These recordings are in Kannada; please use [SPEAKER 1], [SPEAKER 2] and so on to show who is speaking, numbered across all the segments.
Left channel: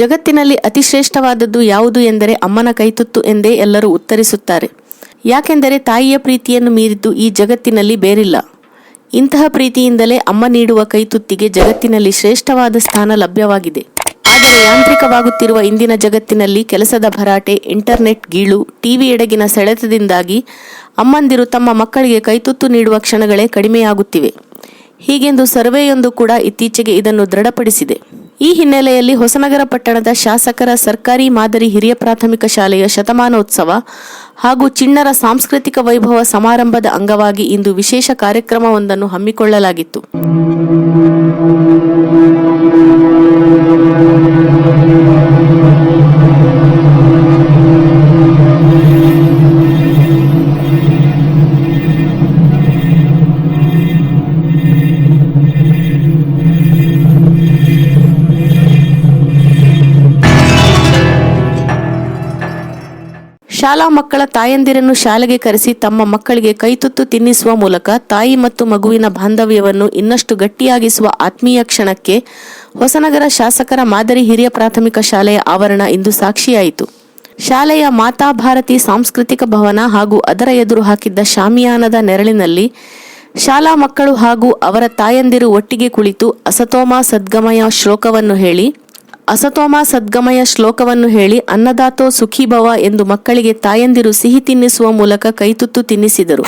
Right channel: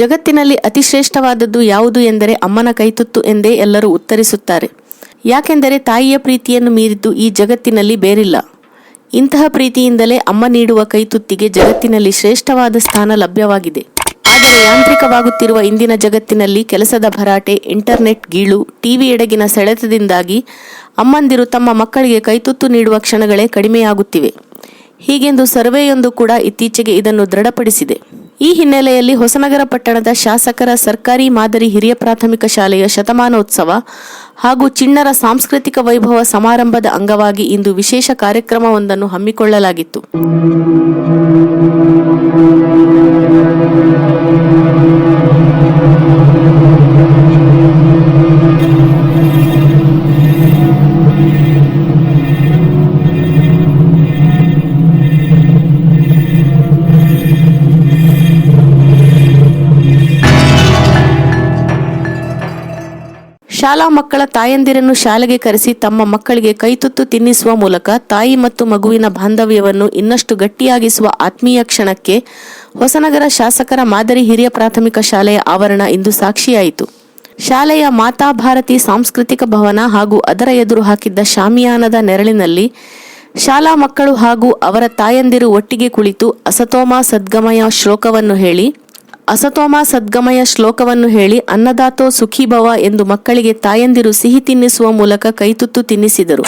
[SPEAKER 1] ಜಗತ್ತಿನಲ್ಲಿ ಅತಿಶ್ರೇಷ್ಠವಾದದ್ದು ಯಾವುದು ಎಂದರೆ ಅಮ್ಮನ ಕೈತುತ್ತು ಎಂದೇ ಎಲ್ಲರೂ ಉತ್ತರಿಸುತ್ತಾರೆ. ಯಾಕೆಂದರೆ ತಾಯಿಯ ಪ್ರೀತಿಯನ್ನು ಮೀರಿದ್ದು ಈ ಜಗತ್ತಿನಲ್ಲಿ ಬೇರಿಲ್ಲ. ಇಂತಹ ಪ್ರೀತಿಯಿಂದಲೇ ಅಮ್ಮ ನೀಡುವ ಕೈತುತ್ತಿಗೆ ಜಗತ್ತಿನಲ್ಲಿ ಶ್ರೇಷ್ಠವಾದ ಸ್ಥಾನ ಲಭ್ಯವಾಗಿದೆ. ಆದರೆ ಯಾಂತ್ರಿಕವಾಗುತ್ತಿರುವ ಇಂದಿನ ಜಗತ್ತಿನಲ್ಲಿ ಕೆಲಸದ ಭರಾಟೆ, ಇಂಟರ್ನೆಟ್ ಗೀಳು, ಟಿವಿ ಎಡಗಿನ ಸೆಳೆತದಿಂದಾಗಿ ಅಮ್ಮಂದಿರು ತಮ್ಮ ಮಕ್ಕಳಿಗೆ ಕೈತುತ್ತು ನೀಡುವ ಕ್ಷಣಗಳೇ ಕಡಿಮೆಯಾಗುತ್ತಿವೆ. ಹೀಗೆಂದು ಸರ್ವೆಯೊಂದು ಕೂಡ ಇತ್ತೀಚೆಗೆ ಇದನ್ನು ದೃಢಪಡಿಸಿದೆ. ಈ ಹಿನ್ನೆಲೆಯಲ್ಲಿ ಹೊಸನಗರ ಪಟ್ಟಣದ ಶಾಸಕರ ಸರ್ಕಾರಿ ಮಾದರಿ ಹಿರಿಯ ಪ್ರಾಥಮಿಕ ಶಾಲೆಯ ಶತಮಾನೋತ್ಸವ ಹಾಗೂ ಚಿಣ್ಣರ ಸಾಂಸ್ಕೃತಿಕ ವೈಭವ ಸಮಾರಂಭದ ಅಂಗವಾಗಿ ಇಂದು ವಿಶೇಷ ಕಾರ್ಯಕ್ರಮವೊಂದನ್ನು ಹಮ್ಮಿಕೊಳ್ಳಲಾಗಿತ್ತು. ಶಾಲಾ ಮಕ್ಕಳ ತಾಯಂದಿರನ್ನು ಶಾಲೆಗೆ ಕರೆಸಿ ತಮ್ಮ ಮಕ್ಕಳಿಗೆ ಕೈತುತ್ತು ತಿನ್ನಿಸುವ ಮೂಲಕ ತಾಯಿ ಮತ್ತು ಮಗುವಿನ ಬಾಂಧವ್ಯವನ್ನು ಇನ್ನಷ್ಟು ಗಟ್ಟಿಯಾಗಿಸುವ ಆತ್ಮೀಯ ಕ್ಷಣಕ್ಕೆ ಹೊಸನಗರ ಶಾಸಕರ ಮಾದರಿ ಹಿರಿಯ ಪ್ರಾಥಮಿಕ ಶಾಲೆಯ ಆವರಣ ಇಂದು ಸಾಕ್ಷಿಯಾಯಿತು. ಶಾಲೆಯ ಮಾತಾ ಭಾರತಿ ಸಾಂಸ್ಕೃತಿಕ ಭವನ ಹಾಗೂ ಅದರ ಎದುರು ಹಾಕಿದ್ದ ಶಾಮಿಯಾನದ ನೆರಳಿನಲ್ಲಿ ಶಾಲಾ ಮಕ್ಕಳು ಹಾಗೂ ಅವರ ತಾಯಂದಿರು ಒಟ್ಟಿಗೆ ಕುಳಿತು ಅಸತೋಮ ಸದ್ಗಮಯ ಶ್ಲೋಕವನ್ನು ಹೇಳಿ ಅಸತೋಮ ಸದ್ಗಮಯ ಶ್ಲೋಕವನ್ನು ಹೇಳಿ ಅನ್ನದಾತೋ ಸುಖೀಭವ ಎಂದು ಮಕ್ಕಳಿಗೆ ತಾಯಂದಿರು ಸಿಹಿ ತಿನ್ನಿಸುವ ಮೂಲಕ ಕೈತುತ್ತು ತಿನ್ನಿಸಿದರು.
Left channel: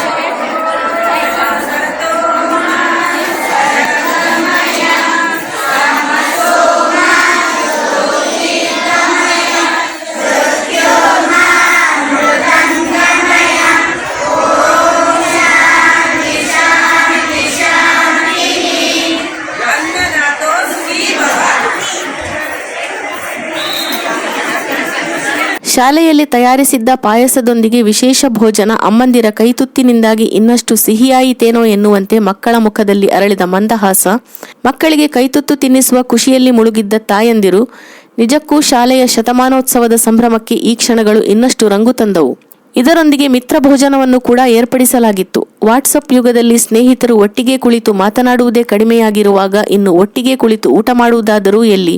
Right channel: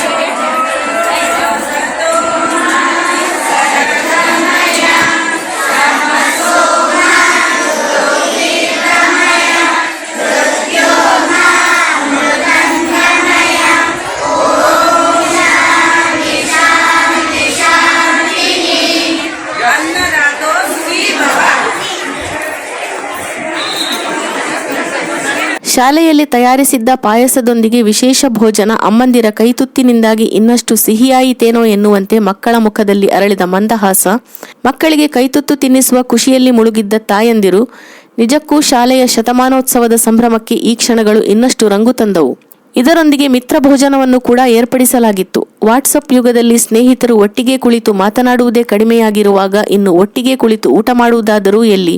[SPEAKER 1] ಶಾಲೆಯಲ್ಲಿ ತಯಾರಿಸಿದ್ದ ಪಾಯಸದೊಂದಿಗೆ ವಿಶೇಷ ಭೋಜನ ಅಮ್ಮಂದಿರ ಕೈತುತ್ತಿನಿಂದಾಗಿ ಇನ್ನಷ್ಟು ಸಿಹಿಯಾಯಿತೇನೋ ಎನ್ನುವಂತೆ ಮಕ್ಕಳ ಮುಖದಲ್ಲಿ ಅರಳಿದ ಮಂದಹಾಸ, ಮಕ್ಕಳಿಗೆ ಕೈತುತ್ತು ತಿನ್ನಿಸುವ ಖುಷಿಯಲ್ಲಿ ಮುಳುಗಿದ್ದ ತಾಯಂದಿರು, ನಿಜಕ್ಕೂ ಶಾಲೆಯ ಶತಮಾನೋತ್ಸವದ ಸಂಭ್ರಮಕ್ಕೆ ಈ ಕ್ಷಣಗಳು ಇನ್ನಷ್ಟು ರಂಗು ತಂದವು. ಇದರೊಂದಿಗೆ ಮಿತ್ರ ಭೋಜನವನ್ನು ಕೂಡ ಏರ್ಪಡಿಸಲಾಗಿತ್ತು. ವಾಟ್ಸಪ್ ಯುಗದಲ್ಲಿ ಸ್ನೇಹಿತರು ಒಟ್ಟಿಗೆ ಕುಳಿತು ಮಾತನಾಡುವುದೇ ಕಡಿಮೆಯಾಗಿರುವಾಗ ಇನ್ನು ಒಟ್ಟಿಗೆ ಕುಳಿತು ಊಟ ಮಾಡುವುದಾದರೂ ಎಲ್ಲಿ?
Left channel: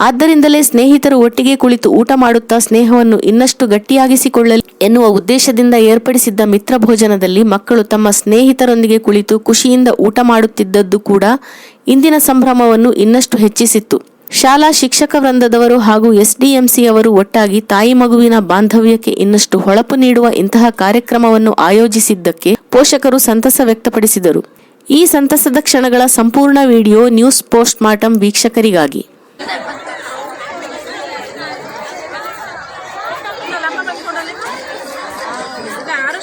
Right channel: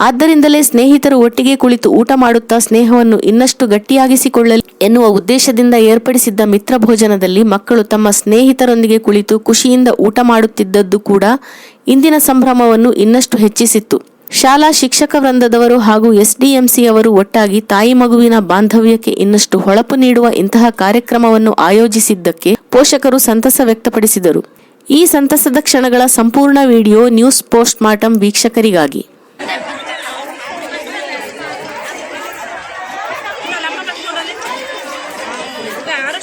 [SPEAKER 1] ಆದ್ದರಿಂದಲೇ ಸ್ನೇಹಿತರು ಒಟ್ಟಿಗೆ ಕುಳಿತು ಊಟ ಮಾಡುತ್ತಾ ಸ್ನೇಹವನ್ನು ಇನ್ನಷ್ಟು ಗಟ್ಟಿಯಾಗಿಸಿಕೊಳ್ಳಲಿ ಎನ್ನುವ ಉದ್ದೇಶದಿಂದ ಏರ್ಪಡಿಸಿದ್ದ ಮಿತ್ರ ಭೋಜನದಲ್ಲಿ ಮಕ್ಕಳು ತಮ್ಮ ಸ್ನೇಹಿತರೊಂದಿಗೆ ಕುಳಿತು ಖುಷಿಯಿಂದ ಊಟ ಮಾಡುತ್ತಿದ್ದದ್ದು ಕೂಡ ಇಂದಿನ ಸಂಭ್ರಮವನ್ನು ಇನ್ನಷ್ಟು ಹೆಚ್ಚಿಸಿತ್ತು. ಶಾಲಾ ಶಿಕ್ಷಕ ವೃಂದದವರು ಹಾಗೂ ಎಸ್ಡಿಎಂಸಿ ಅವರು ಒಟ್ಟಾಗಿ ತಾಯಿ ಮಗುವಿನ ಬಾಂಧವ್ಯಕ್ಕೆ ಇನ್ನಷ್ಟು ಹೊಳಪು ನೀಡುವ ಇಂತಹ ಕಾರ್ಯಕ್ರಮವನ್ನು ಆಯೋಜಿಸಿದ್ದಕ್ಕೆ ಪೋಷಕರು ಸಂತಸ ವ್ಯಕ್ತಪಡಿಸಿದರು. ಈ ಸಂತಸದ ಕ್ಷಣಗಳ ಸಂಪೂರ್ಣ ವಿಡಿಯೋ ನ್ಯೂಸ್ ಪೋಸ್ಟ್ ಮಾರ್ಟಮ್ ವೀಕ್ಷಕರಿಗಾಗಿ.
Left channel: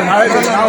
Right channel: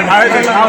[SPEAKER 1] ನಾಳೆ.
[SPEAKER 2] ನಾವು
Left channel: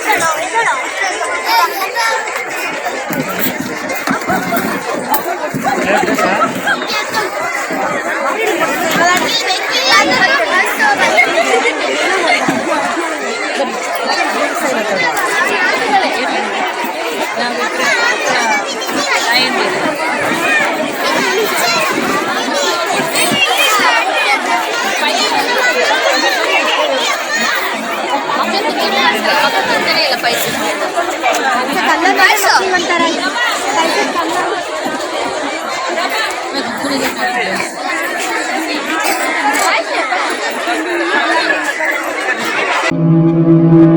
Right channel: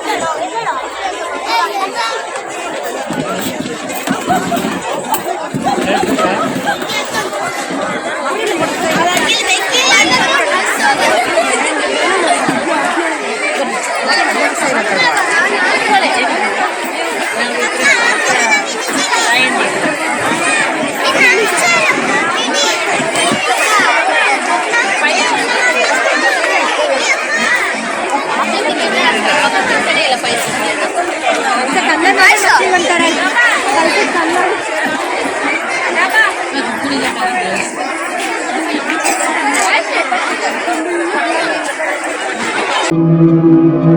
[SPEAKER 2] Thank you.